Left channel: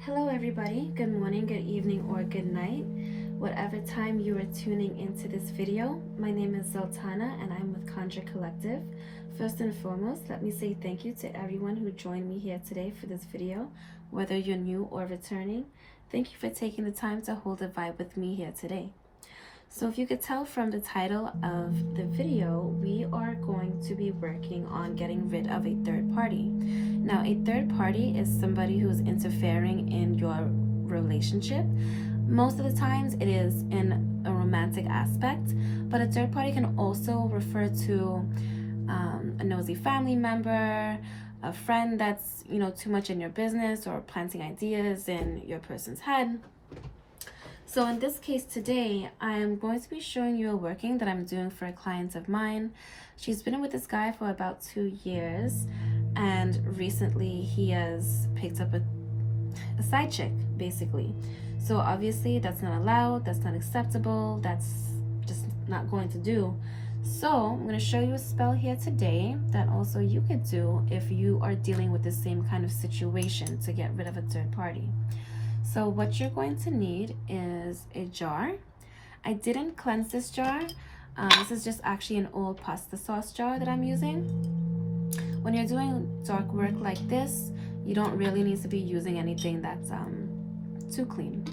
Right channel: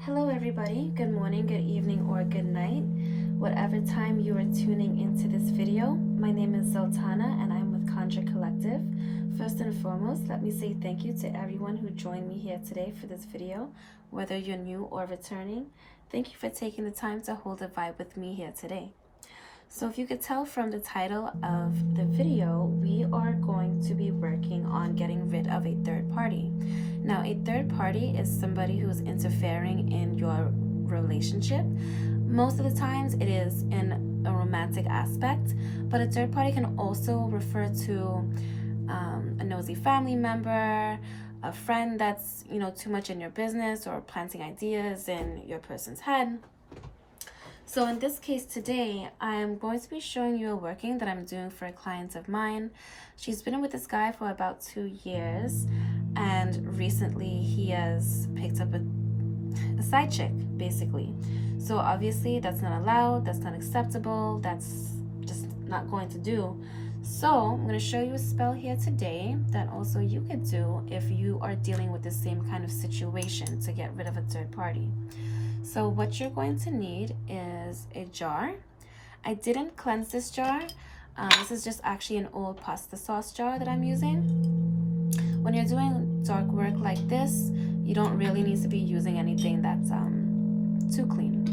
Hello everybody, good morning, good evening, or good night. Whatever time you are tuning into this video, my name is Zultana and I'm with Conjure Collective. First and foremost, let me say thank you to everyone who joined me here today for this video, whether you're new or returning. Thank you for taking the time to hold a vibe with me here today. So if you could tell from the title of the video, we are going to be working on getting rid of a third party. Now, a third party is somebody who's interfering in your relationship. Most of the times it is in a romantic aspect, but a third party can also refer to a nosy family member, a friend that's, too much in your business or planting ideas in your person's head. So in this case today, I am going to be showing you a working that I'm doing for a client of mine. She's been with this guy for about 2 years, and recently he has picked up a side chick, basically. So obviously that's not allowed, that's not acceptable, that's just not going to do. So I'm going to show you a spell here today that also you could do if you are dealing with the same kind of situation to get rid of a third party. So what you're going to need is a jar. I didn't cleanse this jar. This is just actually an old pasta sauce jar that I'm using. When you're doing dark work like this, you don't really need to be using anything that's too clean.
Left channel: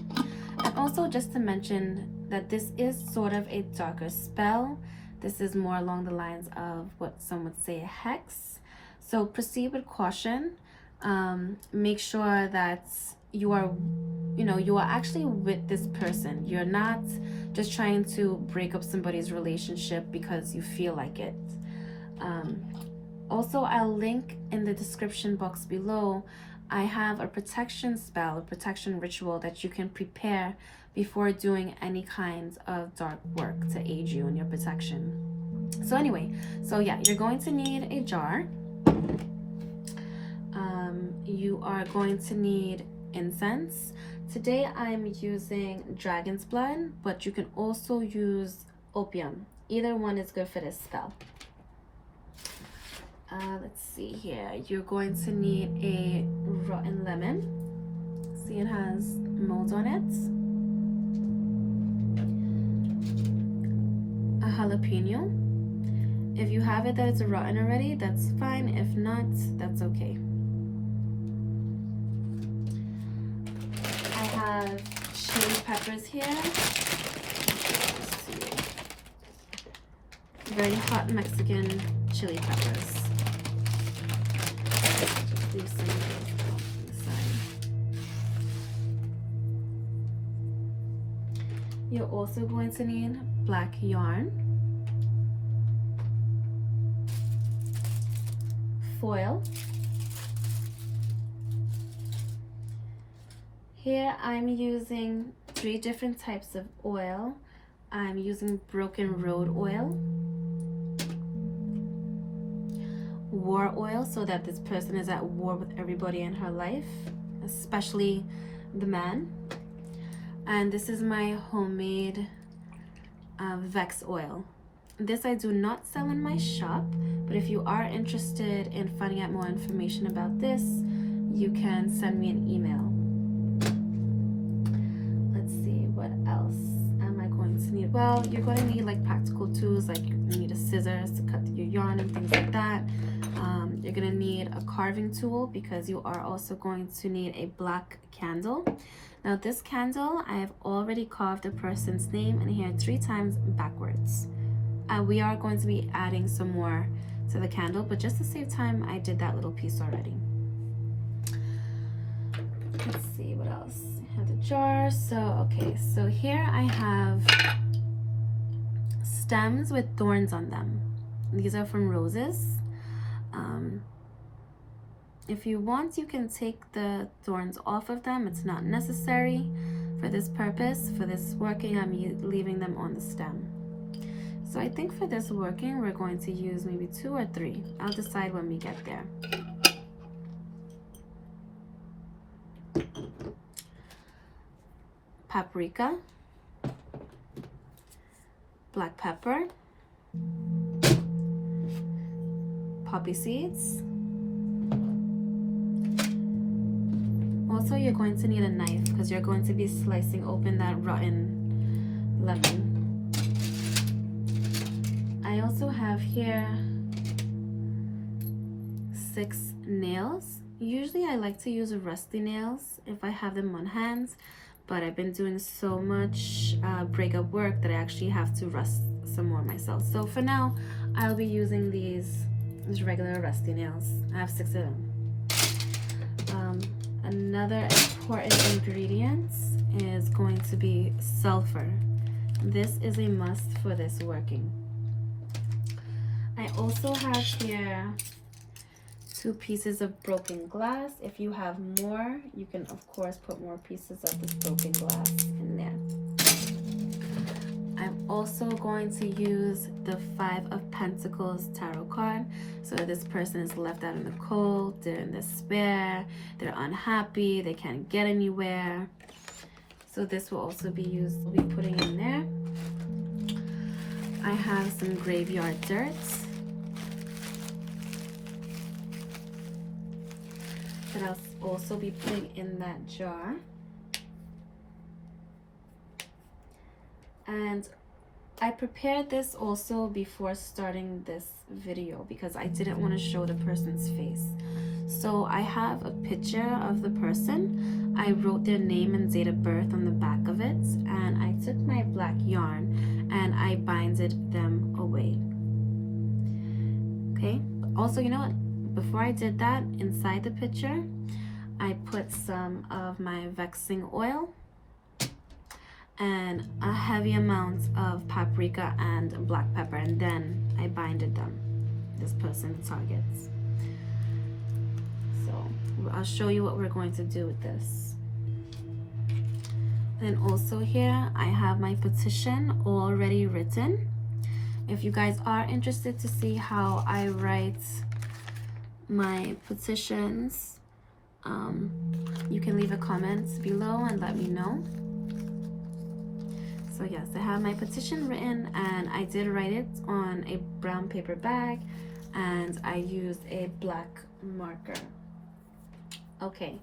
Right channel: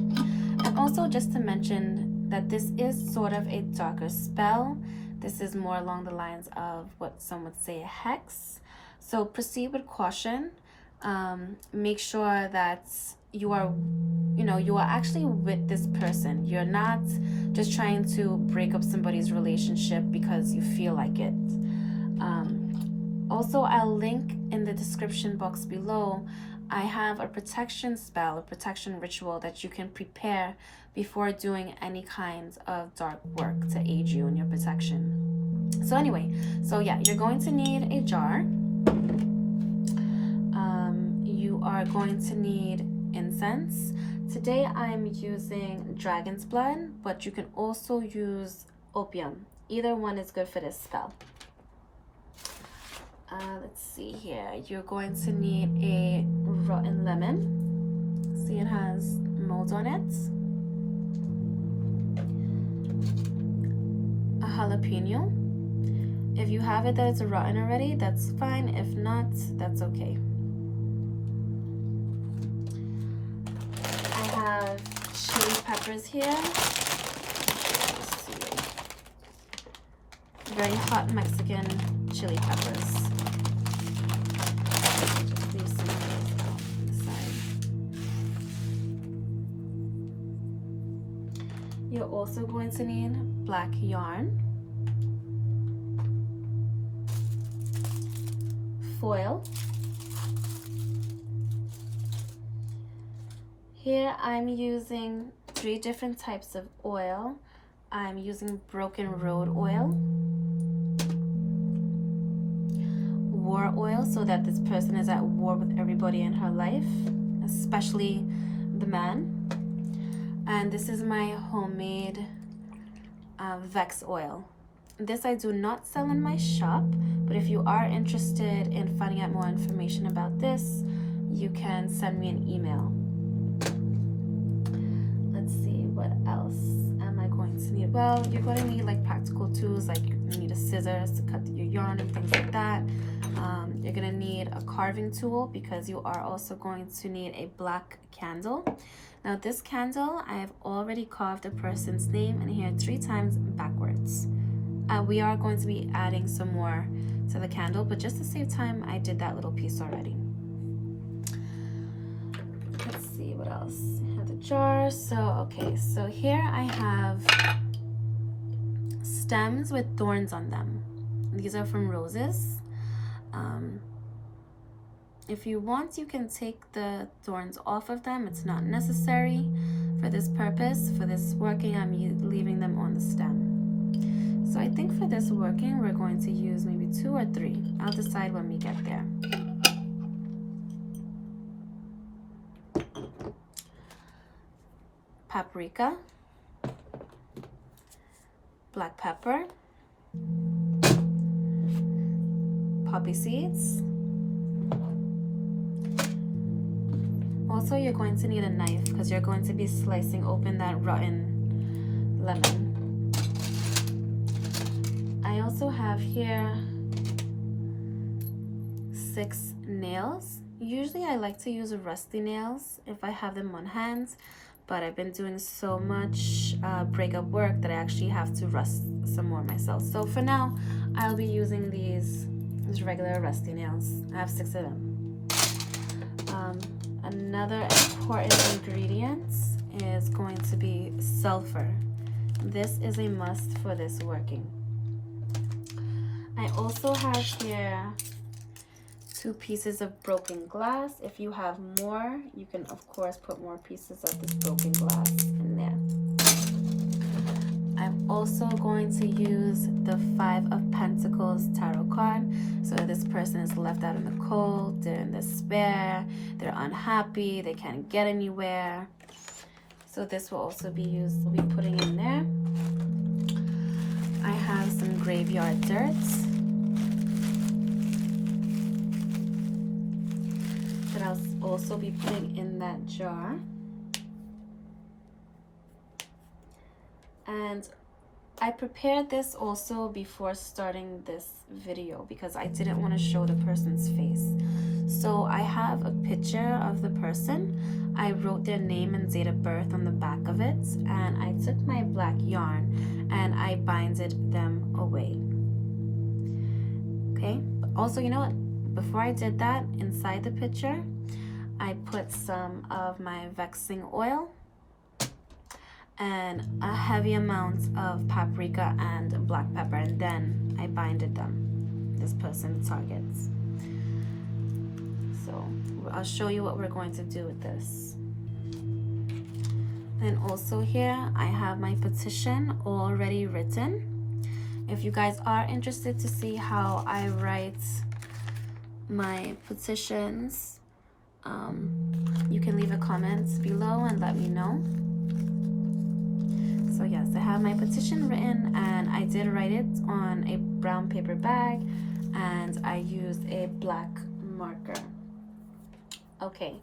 And also just to mention that this is sort of a darker spell. This is more along the lines of what some would say a hex. So proceed with caution. Make sure that you are actually with this person. You're not just trying to break up somebody's relationship because you feel like it. Also, I'll link in the description box below. I have a protection spell, a protection ritual that you can prepare before doing any kinds of dark work to aid you in your protection. So anyway, you're going to need a jar. You are going to need incense. Today I'm using dragon's blood, but you can also use opium. Either one is good for this spell. Let's see here. You're going to need a rotten lemon. See, it has mold on it. A jalapeno. If you have it that it's rotten already, that's fine. If not, that's okay. I have chili peppers here. Very hot Mexican chili peppers. Just leave some of those out on the side. You're also going to need black yarn, foil. Here I'm using 3 different types of oil. I'm using Broken Road oil, war oil, so that this person is at war with everybody in her life, especially the man. And this is my homemade Vex oil. This I do not sell in my shop, but if you are interested in finding out more information about this, you can send me an email. Let's see, what else am I going to need? Well, you're going to need like practical tools, like you need a scissors to cut your yarn and things like that. You're going to need a carving tool because you are also going to need a black candle. Now this candle, I have already carved a person's name in here 3 times backwards. We are going to be adding some more to the candle, but just to save time, I did that little piece already. Let's see what else. I have the jar. So here I have stems with thorns on them. These are from roses. If you want, you can take the thorns off of them. It's not necessary for this purpose. For this working, I'm leaving them on the stem. So I think for this working, we're going to use maybe 2 or 3. I'll decide when we get there. Paprika, black pepper, poppy seeds. Also, you're going to need a knife because you're going to be slicing open that rotten lemon. I also have here 6 nails. Usually I like to use rusty nails if I have them on hand, but I've been doing so much breakup work that I actually have to rust some more myself. So for now, I'll be using these regular rusty nails. I have 6 of them. Another important ingredient is going to be sulfur. This is a must for this working. I also have here 2 pieces of broken glass. If you have more, you can of course put more pieces of this broken glass in there. I'm also going to use the 5 of Pentacles tarot card. So this person is left out in the cold, they're in despair, they're unhappy, they can't get anywhere. So this will also be used, we'll be putting in there. I have some graveyard dirt that I'll also be putting in that jar. And I prepared this also before starting this video because I didn't want to show the person's face. So I have a picture of the person. I wrote their name and date of birth on the back of it, and I took my black yarn and I binded them away. Okay, also, you know what? Before I did that, inside the picture, I put some of my vexing oil and a heavy amount of paprika and black pepper, and then I binded them, this person, the targets. So I'll show you what we're going to do with this. And also here I have my petition already written. If you guys are interested to see how I write my petitions, you can leave a comment below and let me know. So yes, I have my petition written, and I did write it on a brown paper bag, and I used a black marker. Okay,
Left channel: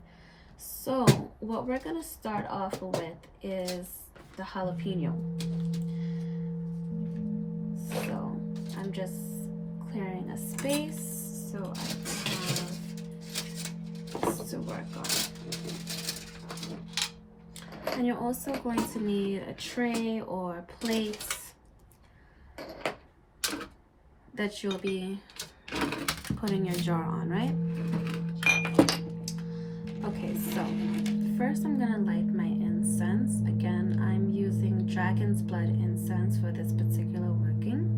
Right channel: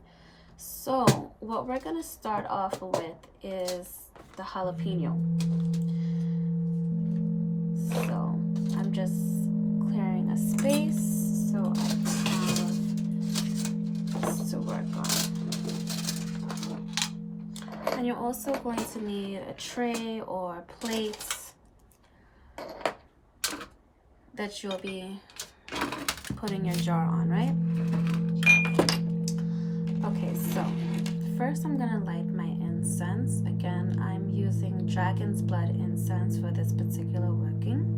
so what we're gonna start off with is the jalapeno. So I'm just clearing a space so I can have this to work on. And you're also going to need a tray or a plate that you'll be putting your jar on, right? Okay, so first I'm gonna light my incense. Again, I'm using dragon's blood incense for this particular working.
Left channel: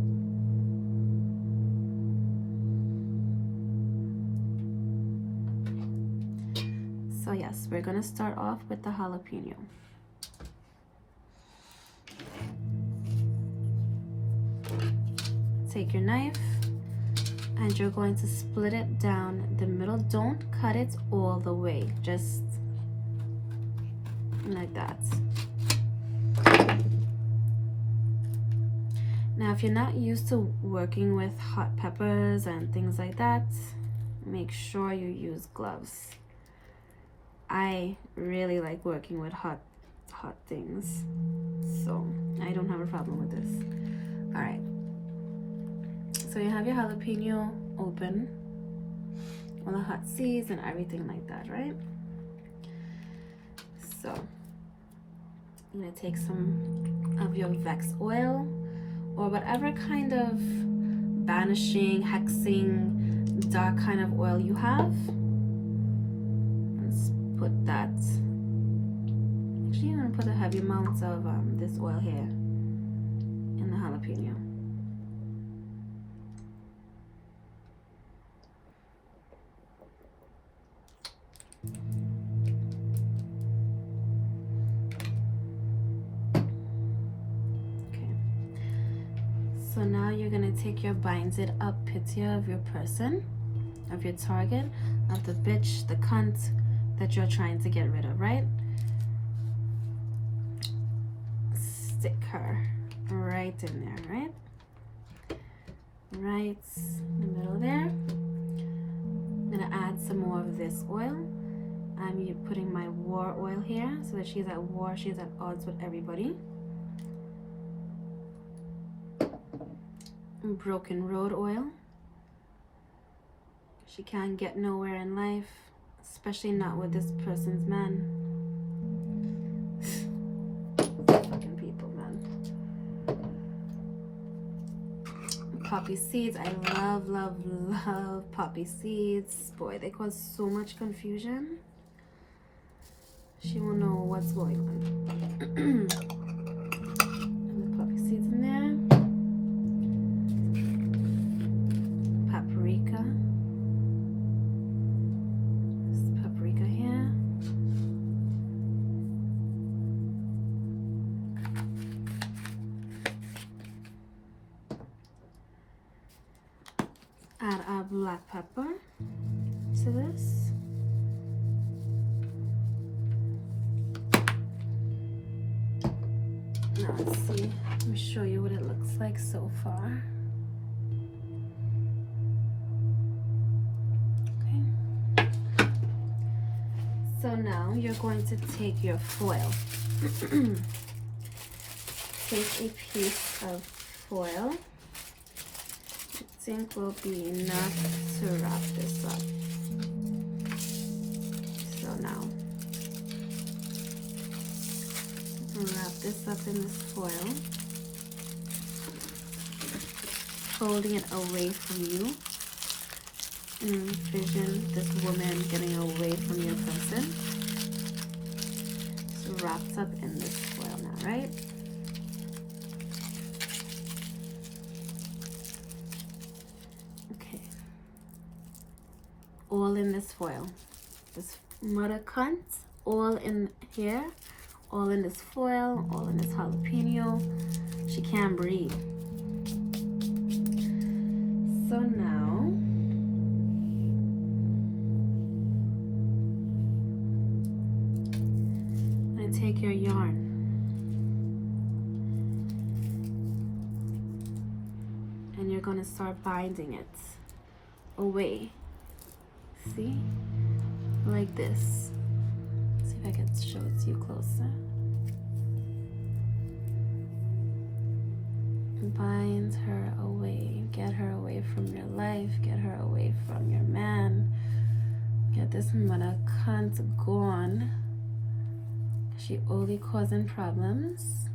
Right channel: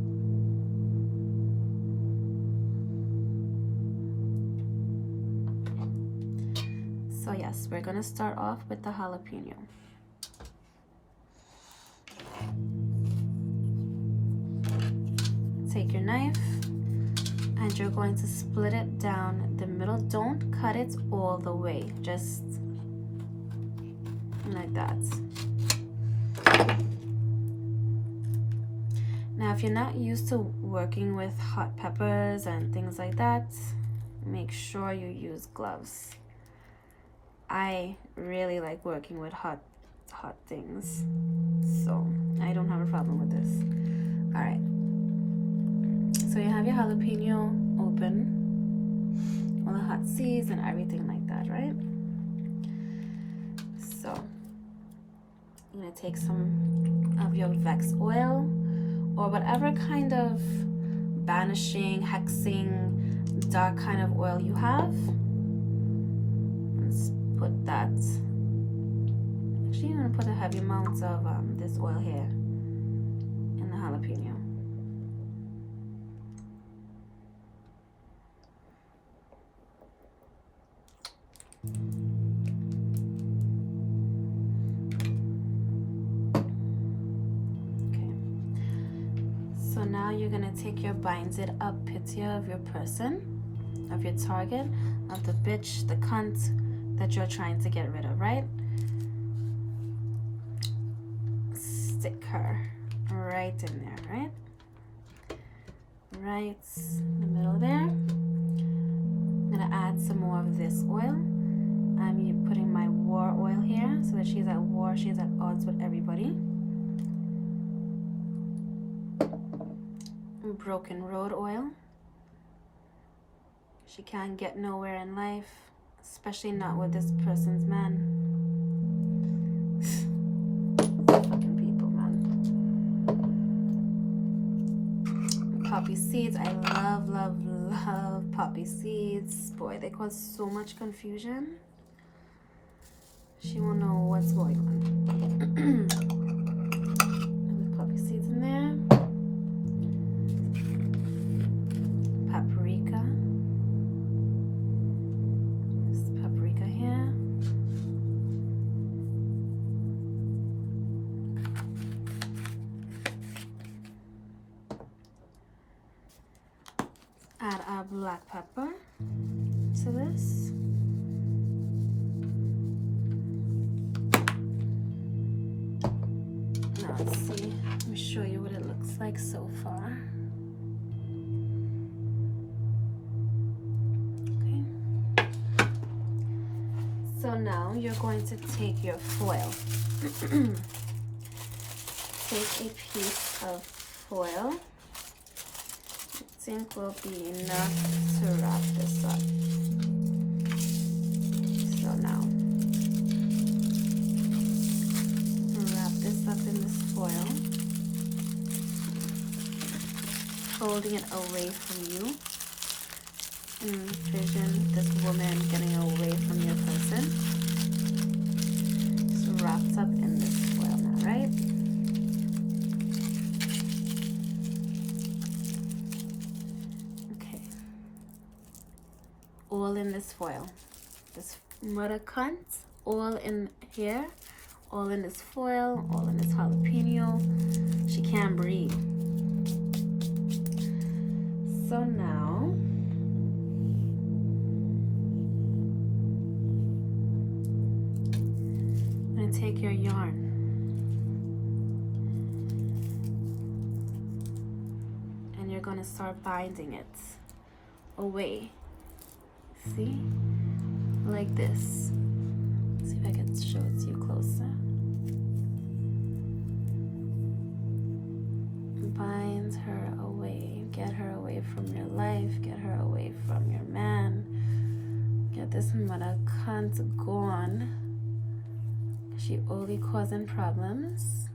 So yes, we're gonna start off with the jalapeno. Take your knife and you're going to split it down the middle. Don't cut it all the way, just like that. Now if you're not used to working with hot peppers and things like that, make sure you use gloves. I really like working with hot things, so I don't have a problem with this. All right, so you have your jalapeno open, all the hot seeds and everything like that, right? So I'm gonna take some of your Vex oil or whatever kind of banishing, hexing, dark kind of oil you have. Let's put that. Actually, I'm gonna put a heavy amount of this oil here in the jalapeno. Okay. So now you're gonna take your binded up picture of your person, of your target, of the bitch, the cunt that you're trying to get rid of, right? Stick her right in there, right? Right in the middle there. gonna add some more of this oil. I'm putting my war oil here so that she's at war, she's at odds with everybody. Broken road oil. She can't get nowhere in life, especially not with this person's man. Fucking people, man. Poppy seeds. I love, love, love poppy seeds. Boy, they cause so much confusion. She won't know what's going on. And the poppy seeds in there. Paprika. There's paprika here. Add our black pepper to this. Now let's see. Let me show you what it looks like so far. So now you're going to take your foil. Take a piece of foil. I think will be enough to wrap this up. So now, wrap this up in this foil, holding it away from you. Envision this woman getting away from your person. It's wrapped up in this foil now, right? Okay. All in this foil. This mother cunt, all in here, all in this foil, all in this jalapeno. She can't breathe. So now, take your yarn and you're going to start binding it away. See? Like this. See if I can show it to you closer. Bind her away. Get her away from your life. Get her away from your man. Get this mother cunt gone. She only causing problems.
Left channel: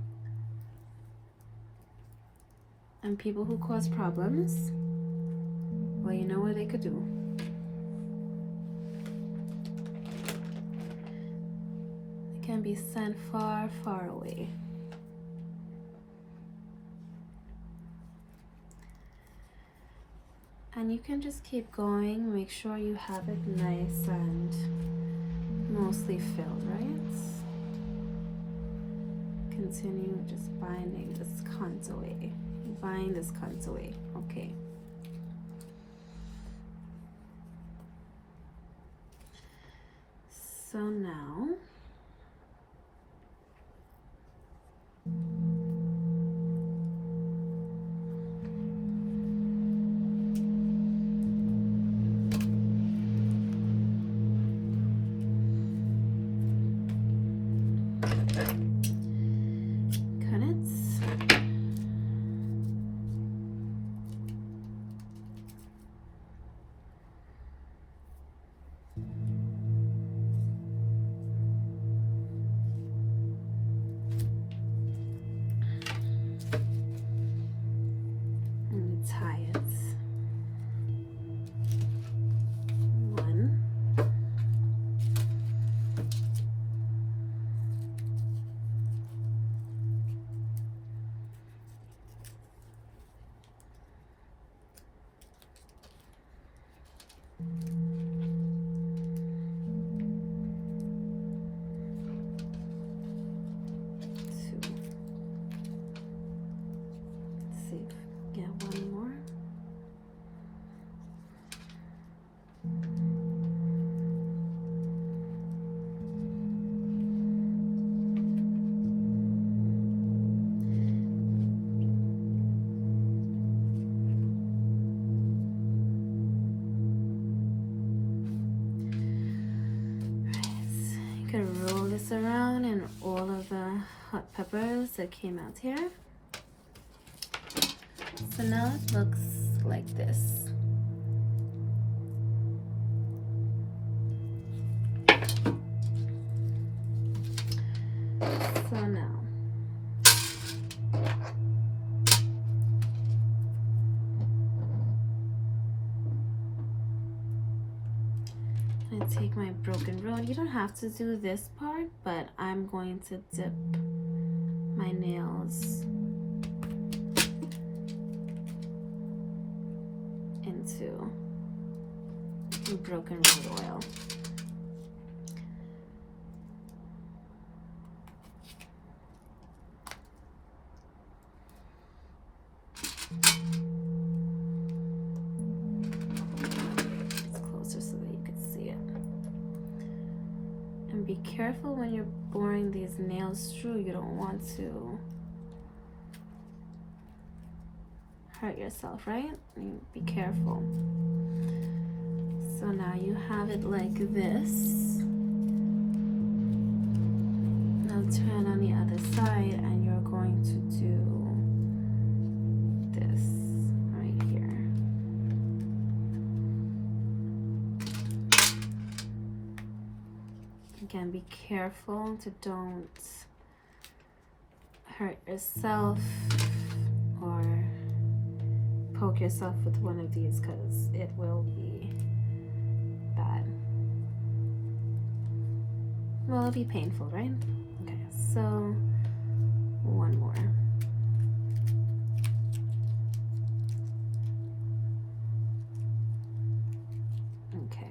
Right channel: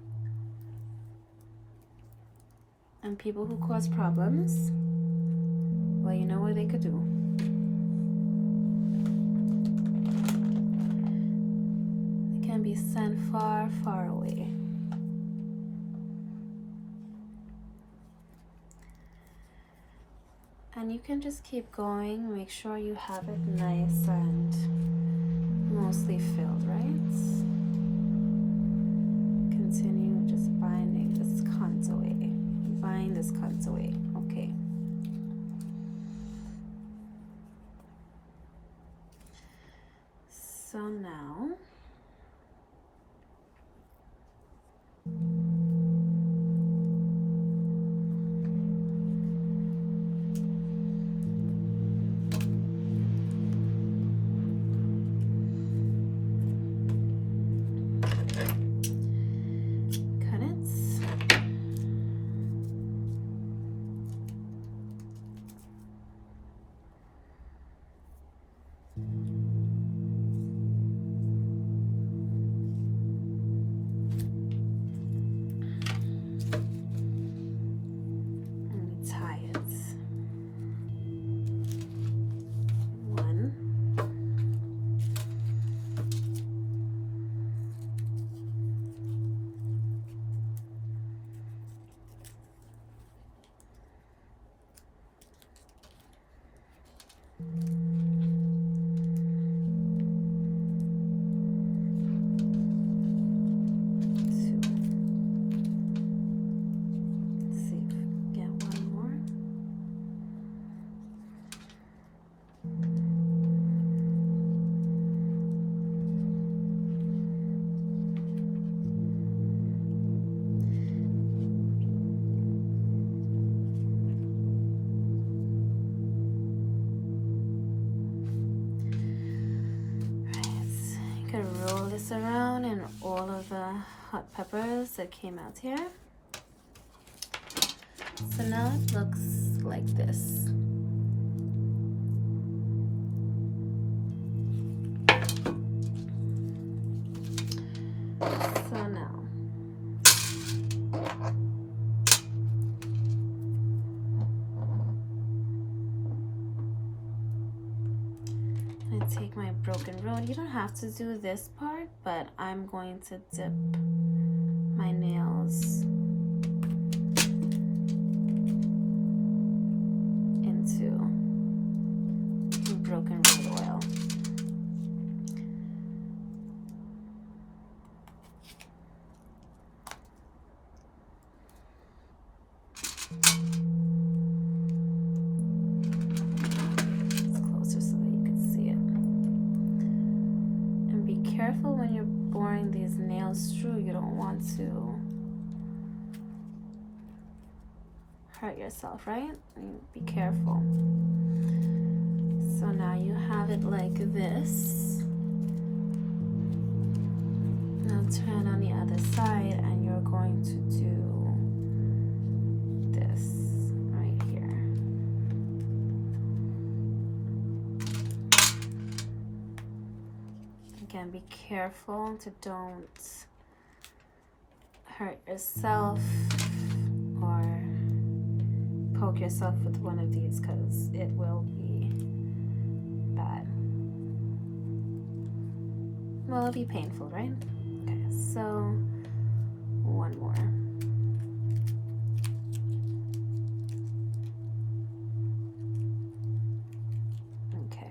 And people who cause problems, well, you know what they could do. They can be sent far, far away. And you can just keep going. Make sure you have it nice and mostly filled, right? Continue just binding this cunt away. Bind this cunt away. Okay. So now, Can roll this around and all of the hot peppers that came out here. So now it looks like this. So now I'm gonna take my broken road. You don't have to do this part, but I'm going to dip my nails into broken road oil. Careful when you're boring these nails through. You don't want to hurt yourself, right? Be careful. So now you have it like this. Now turn on the other side and you're going to do this right here. Again, be careful to don't hurt yourself or poke yourself with one of these because it will be bad. Well, it'll be painful, right? Okay, so one more. Okay.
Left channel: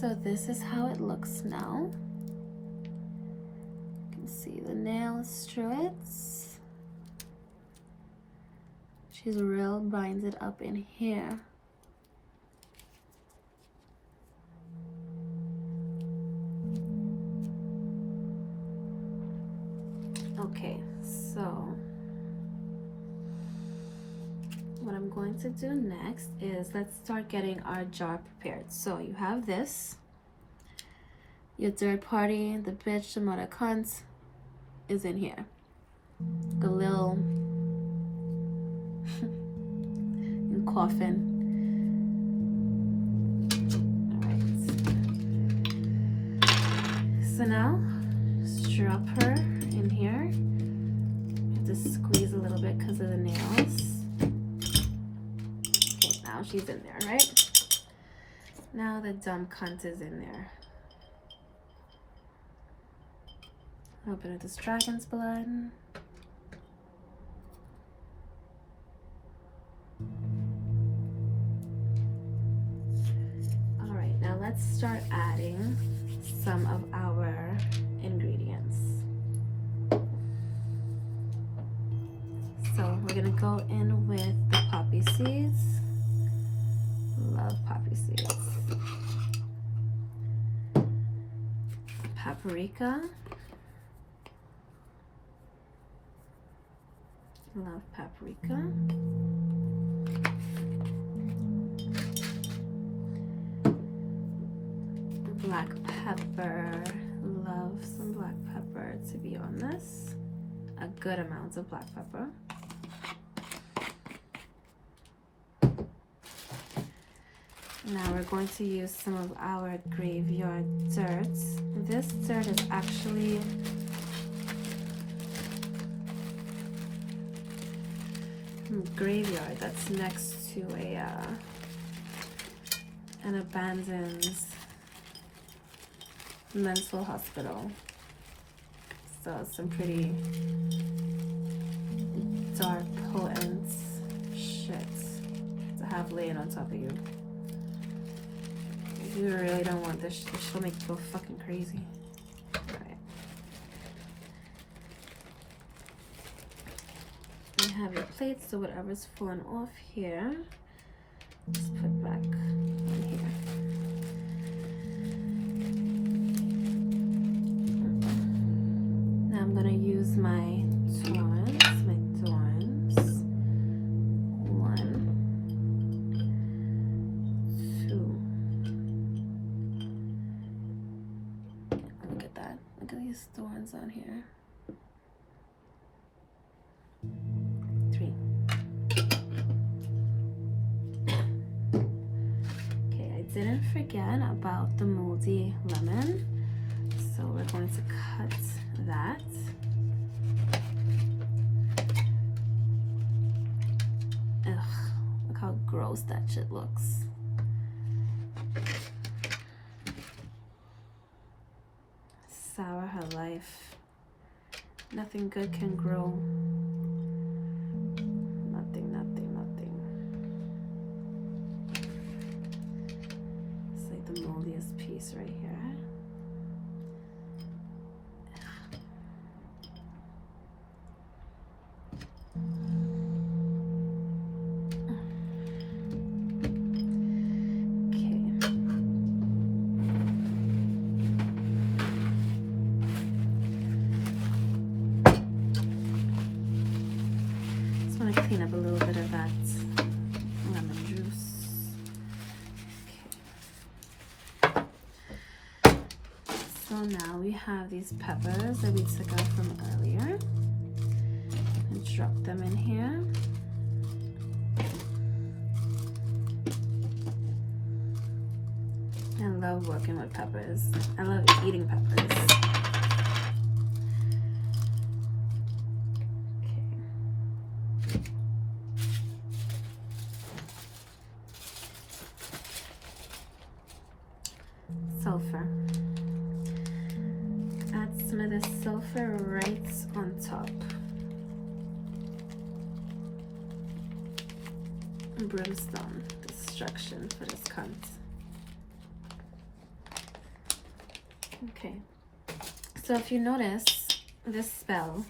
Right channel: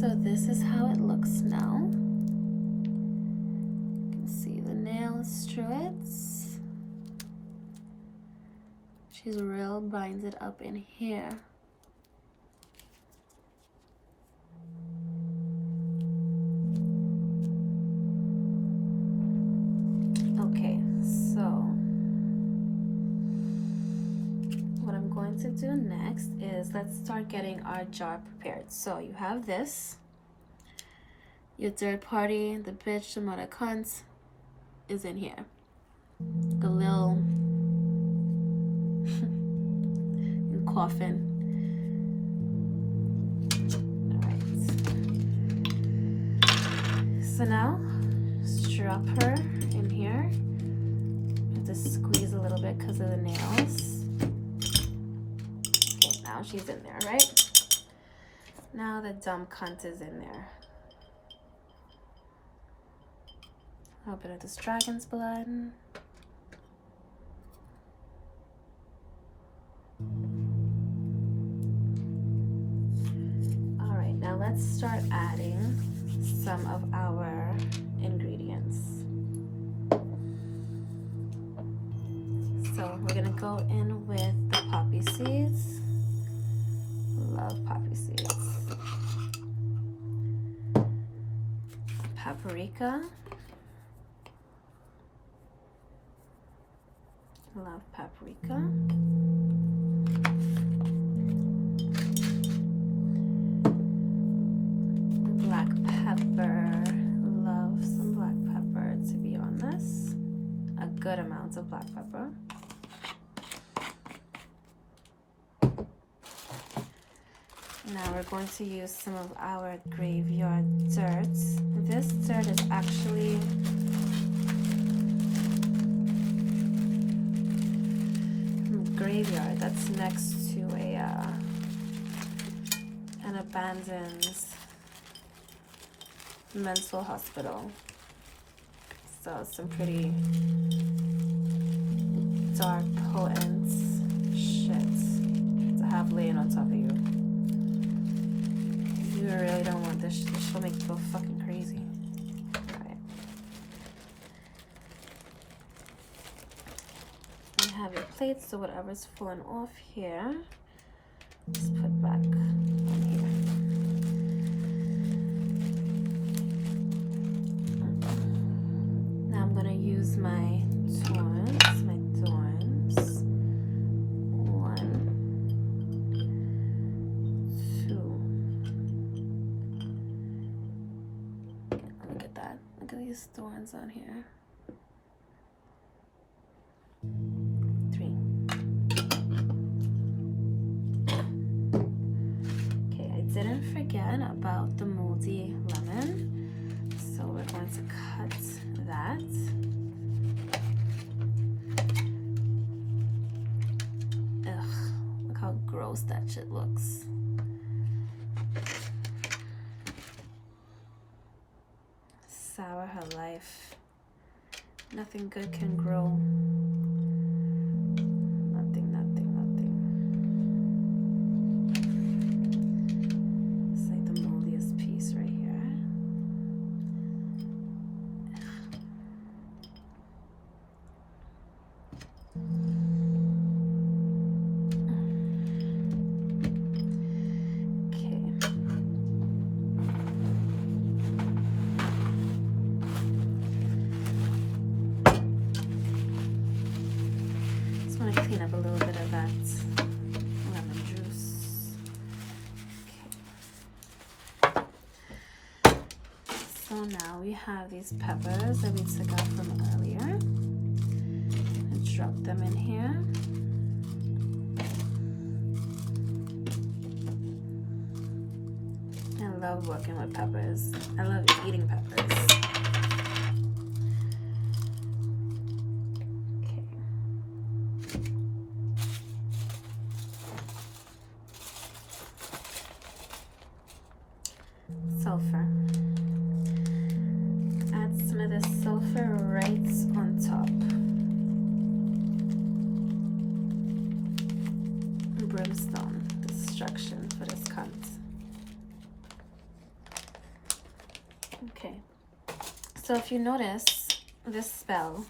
So this is how it looks now. You can see the nails through it. She's real binds it up in here. Okay, so what I'm going to do next is let's start getting our jar prepared. So you have this, your third party, the bitch, the mother cunt is in here. The little coffin. All right. So now just drop her in here. Have to squeeze a little bit because of the nails. Okay, now she's in there, right? Now the dumb cunt is in there. A little bit of this dragon's blood. All right, now let's start adding some of our ingredients. So we're gonna go in with the poppy seeds. Love poppy seeds. Paprika. Love paprika. Black pepper. Love some black pepper to be on this. A good amount of black pepper. Now we're going to use some of our graveyard dirt. This dirt is actually from a graveyard that's next to an abandoned mental hospital. So some pretty dark, potent shit to have laying on top of you. You really don't want this. This will make you go fucking crazy. Alright. You have your plates, so whatever's falling off here, just put back on here. Now I'm gonna use my tongs, my at these thorns on here. 3. Okay, I didn't forget about the moldy lemon, so we're going to cut that. Ugh, look how gross that shit looks. Sour her life. Nothing good can grow. Nothing, nothing, nothing. It's like the moldiest piece right here. I want to clean up a little bit of that lemon juice. Okay. So now we have these peppers that we took out from earlier. And drop them in here. I love working with peppers. I love eating peppers. Sulfur. Add some of the sulfur right on top. Brimstone, destruction for this cunt. Okay, so if you notice this spell,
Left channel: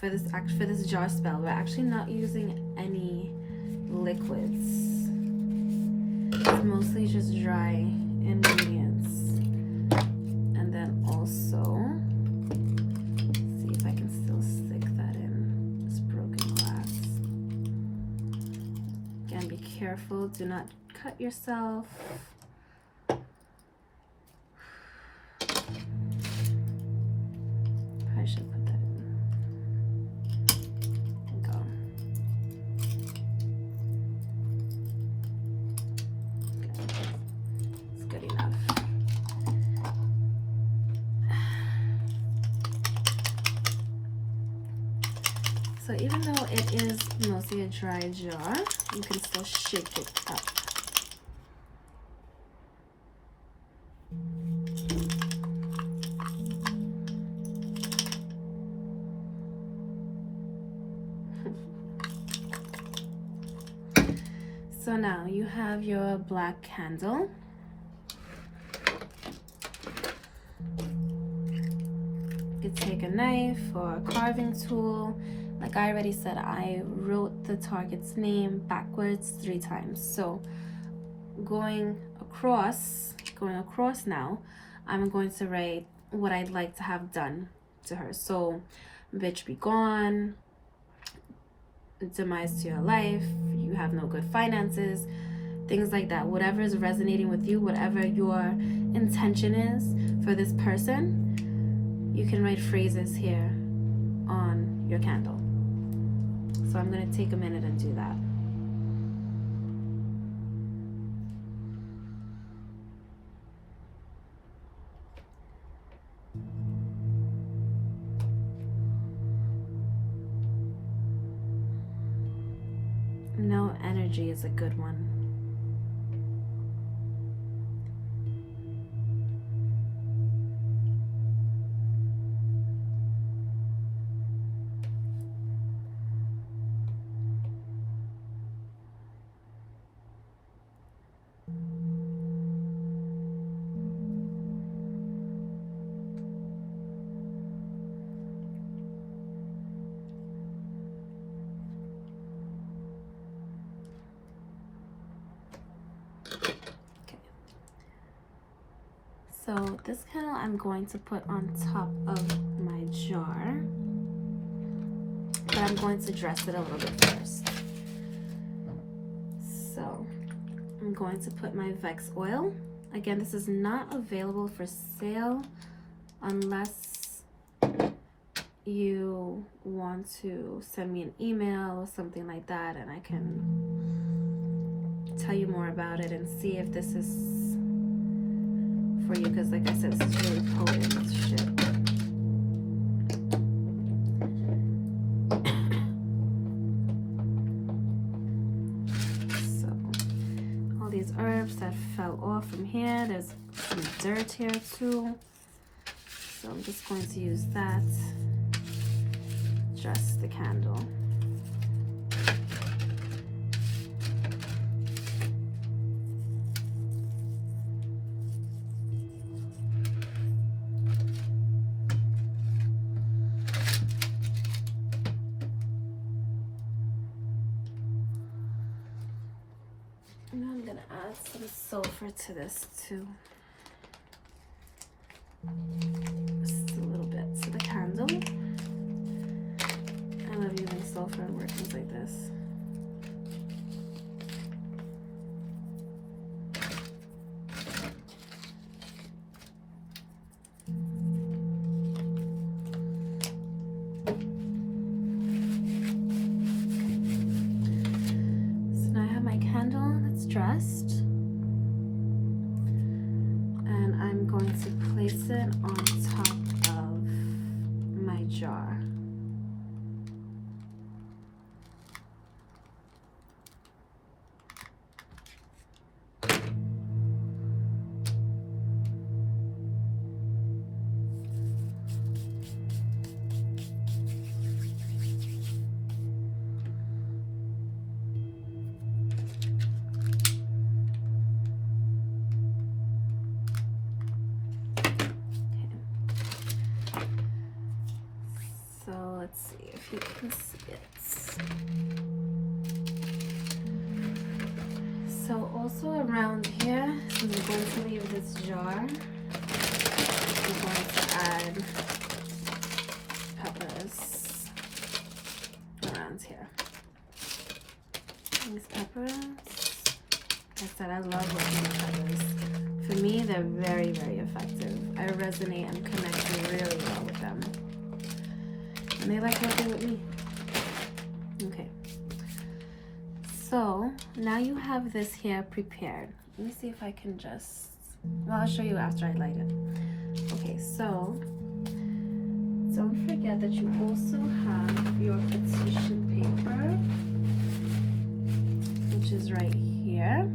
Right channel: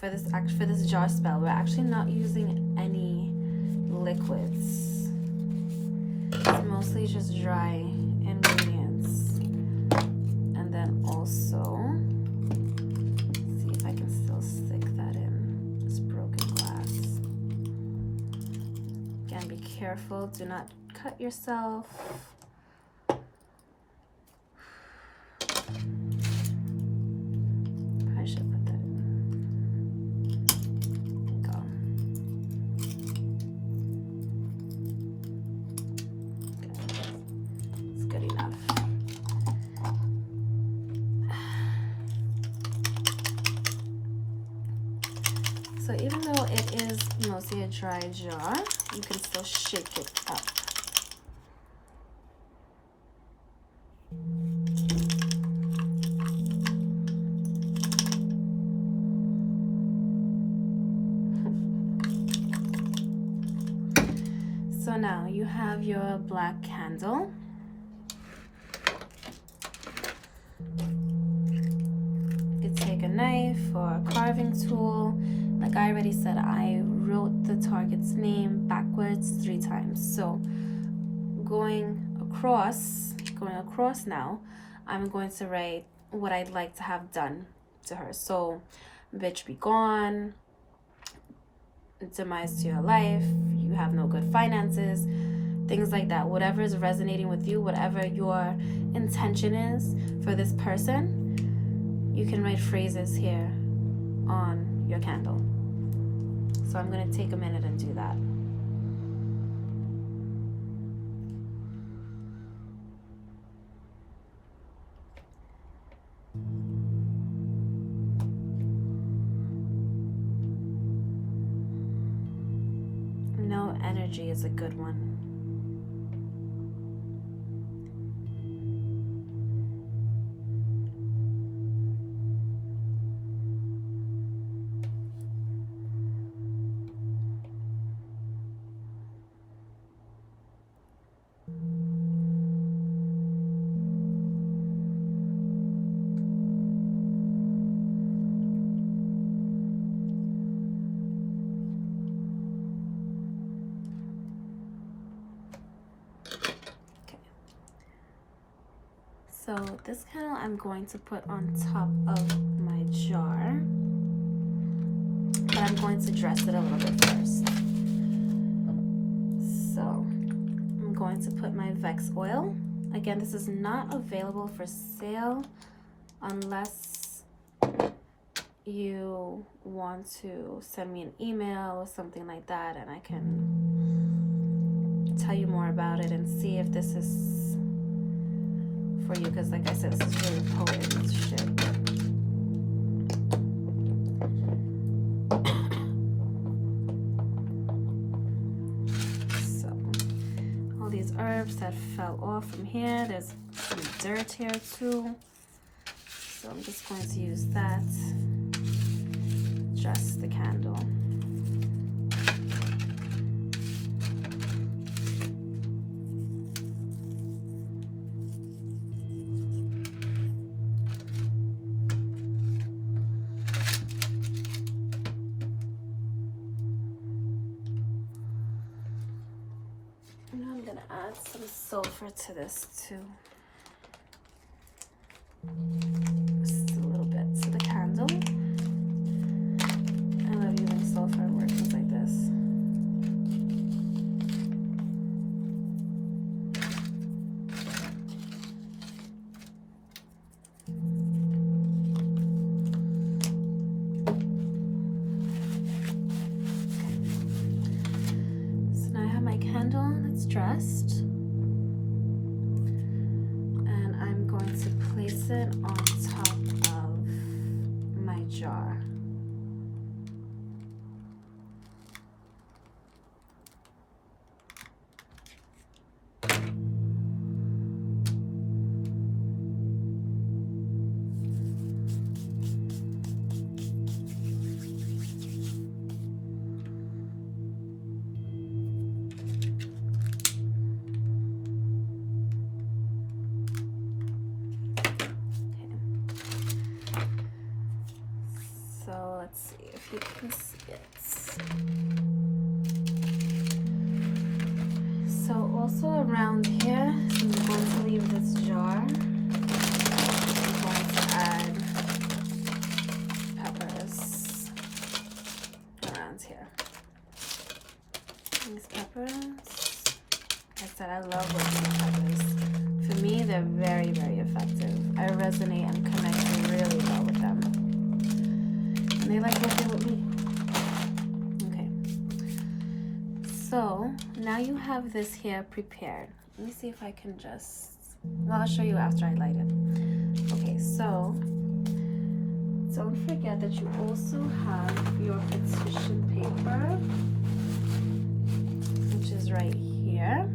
for this jar spell, we're actually not using any liquids. It's mostly just dry ingredients. And then also, see if I can still stick that in this broken glass. Again, be careful, do not cut yourself. Probably should put that in. There you go. It's good enough. So even though it is mostly a dry jar, you can still shake it up. So now you have your black candle. You could take a knife or a carving tool. Like I already said, I wrote the target's name backwards 3 times. So going across now, I'm going to write what I'd like to have done to her. So, bitch be gone, demise to your life, you have no good finances, things like that. Whatever is resonating with you, whatever your intention is for this person, you can write phrases here on your candle. So I'm going to take a minute and do that. No energy is a good one. So this candle I'm going to put on top of my jar, but I'm going to dress it a little bit first. So I'm going to put my Vex oil. Again, this is not available for sale unless you want to send me an email or something like that, and I can tell you more about it and see if this is for you, because like I said, this is really potent shit. So all these herbs that fell off from here, there's some dirt here too, so I'm just going to use that, just the candle. Now I'm gonna add some sulfur to this too. Just a little bit to the candle. I love using sulfur in workings like this. Dressed, and I'm going to place it on top of my jar. Let's see if you can see it. So also around here, I'm going to leave this jar. I'm going to add peppers around here. These peppers, like I said, I love working with peppers. For me, they're very, very effective. I resonate and connect really well with them. And they like working with me. Okay. So now you have this here prepared. Let me see if I can just, well, I'll show you after I light it. Okay, so don't forget that you also have your petition paper, which is right here.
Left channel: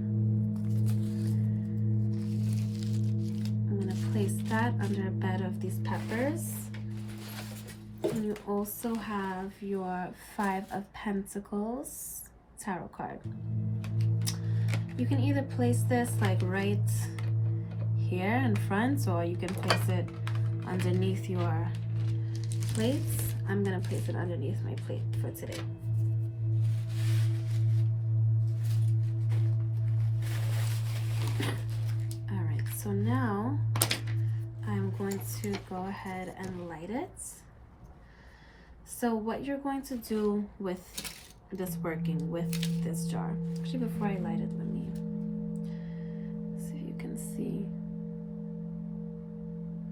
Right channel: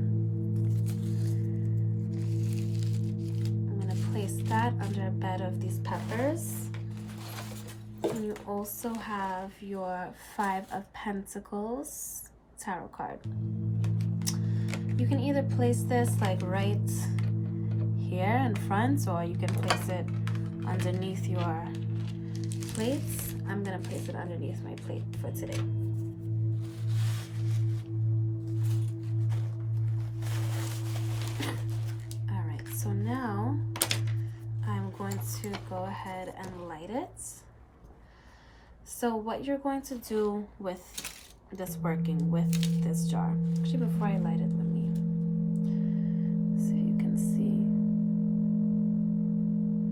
I'm gonna place that under a bed of these peppers. And you also have your 5 of Pentacles tarot card. You can either place this like right here in front, or you can place it underneath your plates. I'm gonna place it underneath my plate for today. All right, so now I'm going to go ahead and light it. So what you're going to do with this working with this jar, actually before I light it, let me see if you can see.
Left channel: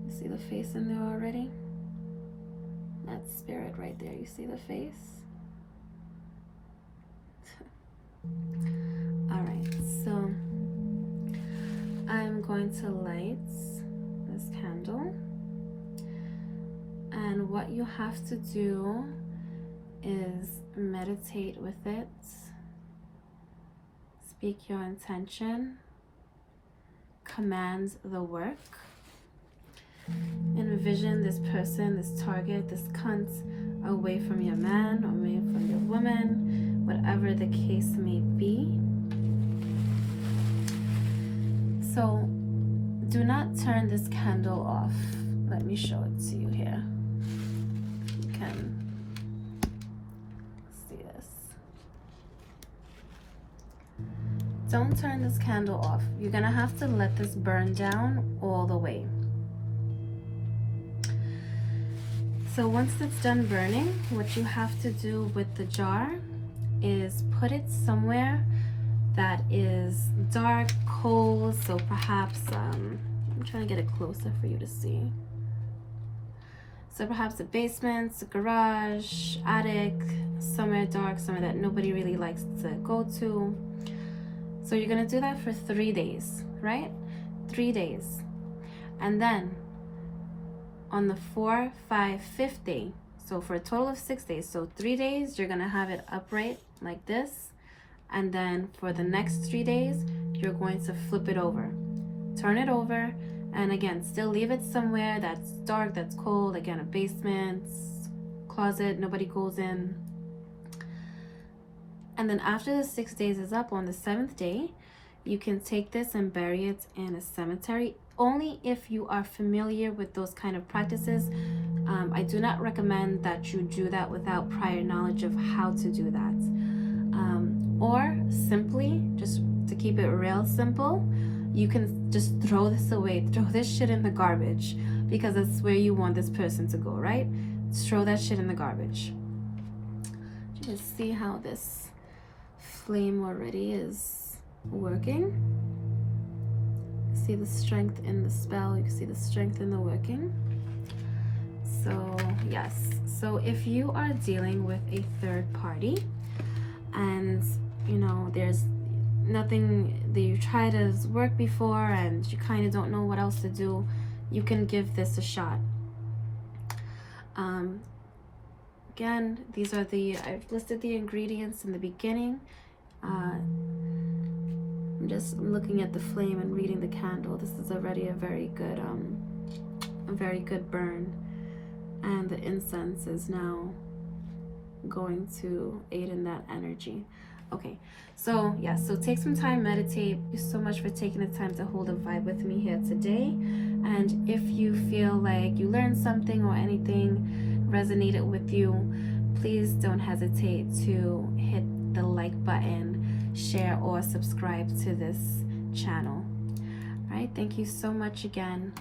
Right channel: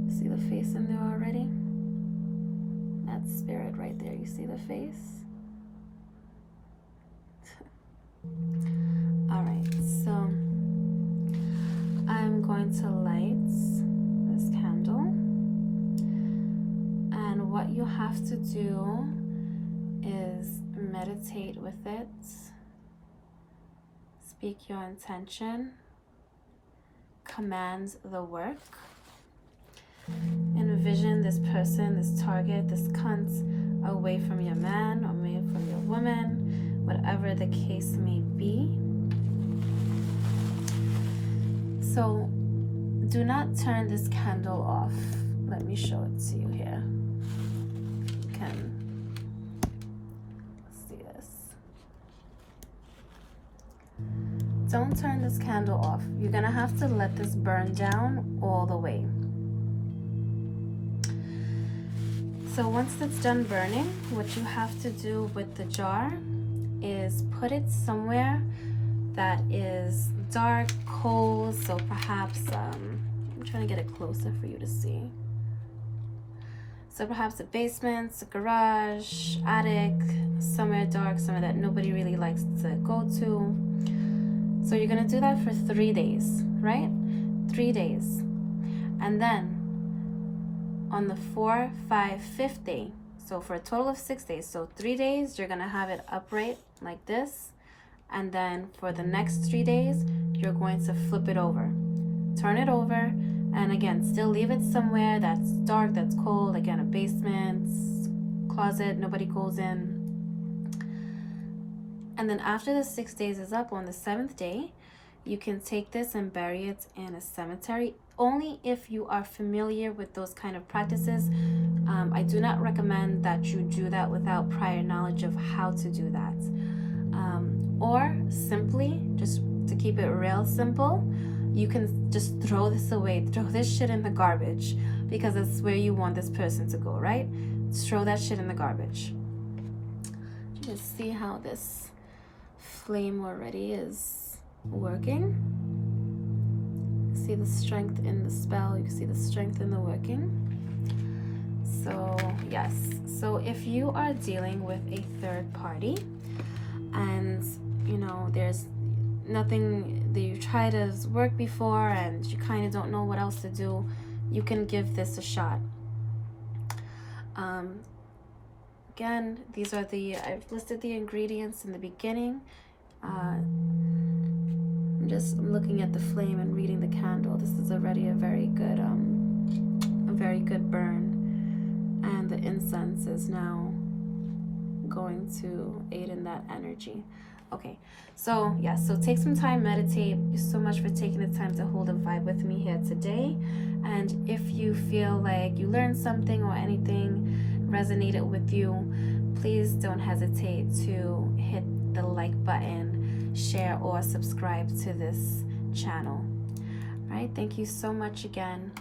You see the face in there already? That's spirit right there. You see the face? All right, so I'm going to light this candle. And what you have to do is meditate with it, speak your intention, command the work, envision this person, this target, this cunt away from your man or away from your woman, whatever the case may be. So do not turn this candle off. Let me show it to you here. Can see this. Don't turn this candle off. You're gonna have to let this burn down all the way. So once it's done burning, what you have to do with the jar is put it somewhere that is dark, cold, so perhaps I'm trying to get it closer for you to see. So perhaps a basement, a garage, attic, somewhere dark, somewhere that nobody really likes to go to. So you're gonna do that for 3 days, right? 3 days. And then on the 4, 5, 5th day, so for a total of 6 days, so 3 days, you're gonna have it upright like this. And then for the next 3 days, you're going to flip it over, turn it over, and again, still leave it somewhere that's dark, that's cold. Again, a basement, closet, nobody goes in. And then after the 6 days is up, on the 7th day, you can take this and bury it in a cemetery, only if you are familiar with those kind of practices. I do not recommend that you do that without prior knowledge of how to do that. Or simply, just to keep it real simple, you can just throw this away, throw this shit in the garbage, because it's where you want this person to go, right? Throw that shit in the garbage. You can see how this flame already is working. See the strength in the spell, you can see the strength in the working. So yes, so if you are dealing with a third party and you know there's nothing that you tried as work before and you kind of don't know what else to do, you can give this a shot. Again, these are I've listed the ingredients in the beginning. I'm looking at the flame and reading the candle. This is already a very good burn, and the incense is now going to aid in that energy. Okay, so yeah, so take some time, meditate. Thank you so much for taking the time to hold a vibe with me here today. And if you feel like you learned something or anything resonated with you, please don't hesitate to hit the like button, share, or subscribe to this channel. All right, thank you so much again.